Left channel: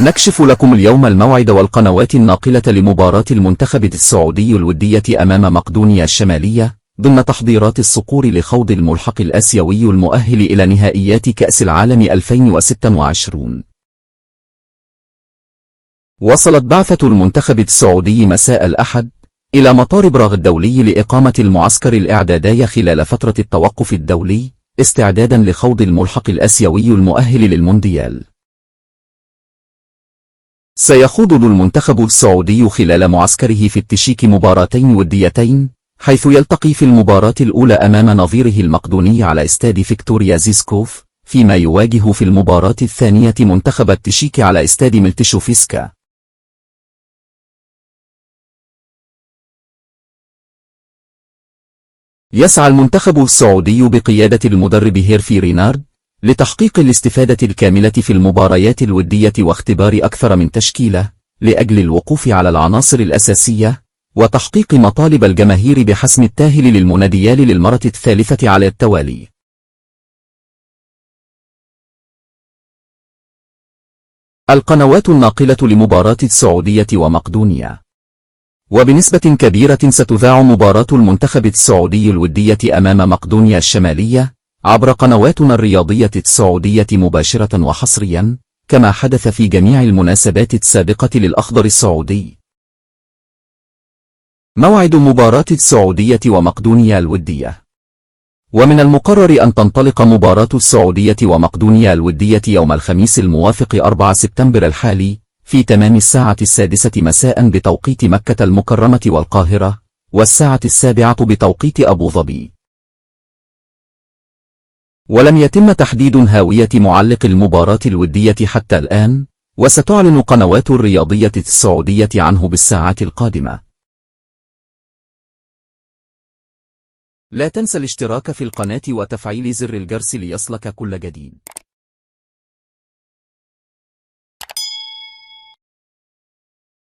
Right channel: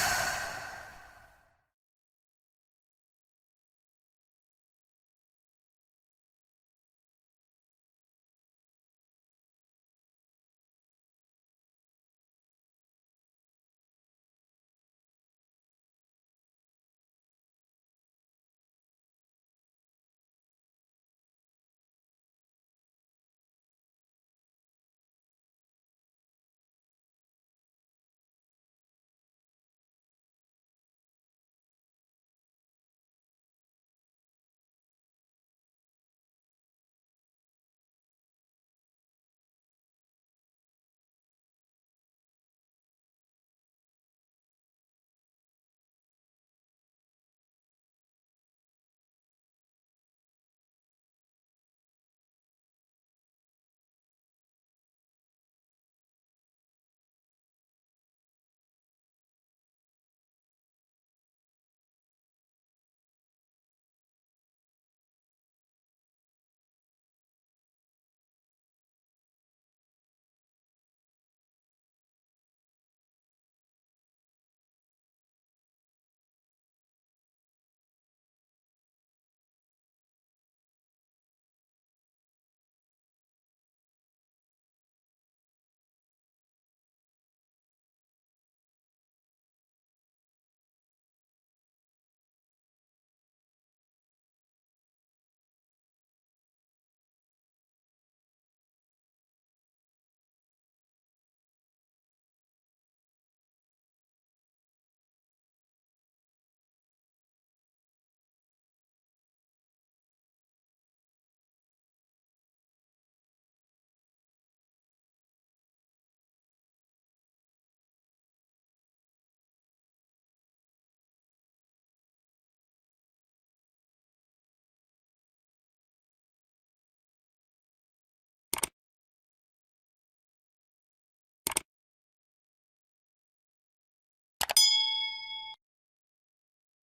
نكشف لكم اليوم الموعد والقنوات الناقلة لمباراة المنتخب السعودي الودية أمام مقدونيا الشمالية ضمن تحضيرات الصقور لخوض الملحق الآسيوي المؤهل إلى نهائيات كأس العالم 2026. وصلت بعثة المنتخب السعودي مساء الأحد إلى مطار براغ الدولي لإقامة المعسكر الإعدادي خلال فترة التوقف الدولي استعدادا لخوض الملحق الآسيوي المؤهل للمونديال. سيخوض المنتخب السعودي خلال معسكره في التشيك مباراتين وديتين، حيث يلتقي في المباراة الأولى أمام نظيره المقدوني على استاد فيكتوريا زيسكوف، فيما يواجه في المباراة الثانية منتخب التشيك على استاد ملتشوفسكا. يسعى المنتخب السعودي بقيادة المدرب هيرفي رينارد لتحقيق الاستفادة الكاملة في المباريات الودية واختبار أكثر من تشكيلة لأجل الوقوف على العناصر الأساسية وتحقيق مطالب الجماهير بحسم التاهل للمونديال للمرة الثالثة على التوالي. القنوات الناقلة لمباراة السعودية ومقدونيا. وبنسبة كبيرة ستذاع مباراة المنتخب السعودي الودية أمام مقدونيا الشمالية عبر قنواتنا الرياضية السعودية مباشرة وحصريا، كما حدث في جميع المناسبات السابقة للأخضر السعودي. موعد مباراة السعودية ومقدونيا الودية. ومن المقرر أن تنطلق مباراة السعودية ومقدونيا الودية يوم الخميس الموافق 4 سبتمبر الحالي في تمام الساعة 6 مساء بتوقيت مكة المكرمة والقاهرة، والساعة 7 بتوقيت أبو ظبي. ولم يتم تحديد هاوية معلق المباراة الودية حتى الآن، وستعلن قنوات الرياضية السعودية عنه بالساعات القادمة. لا تنسى الاشتراك في القناة وتفعيل زر الجرس ليصلك كل جديد.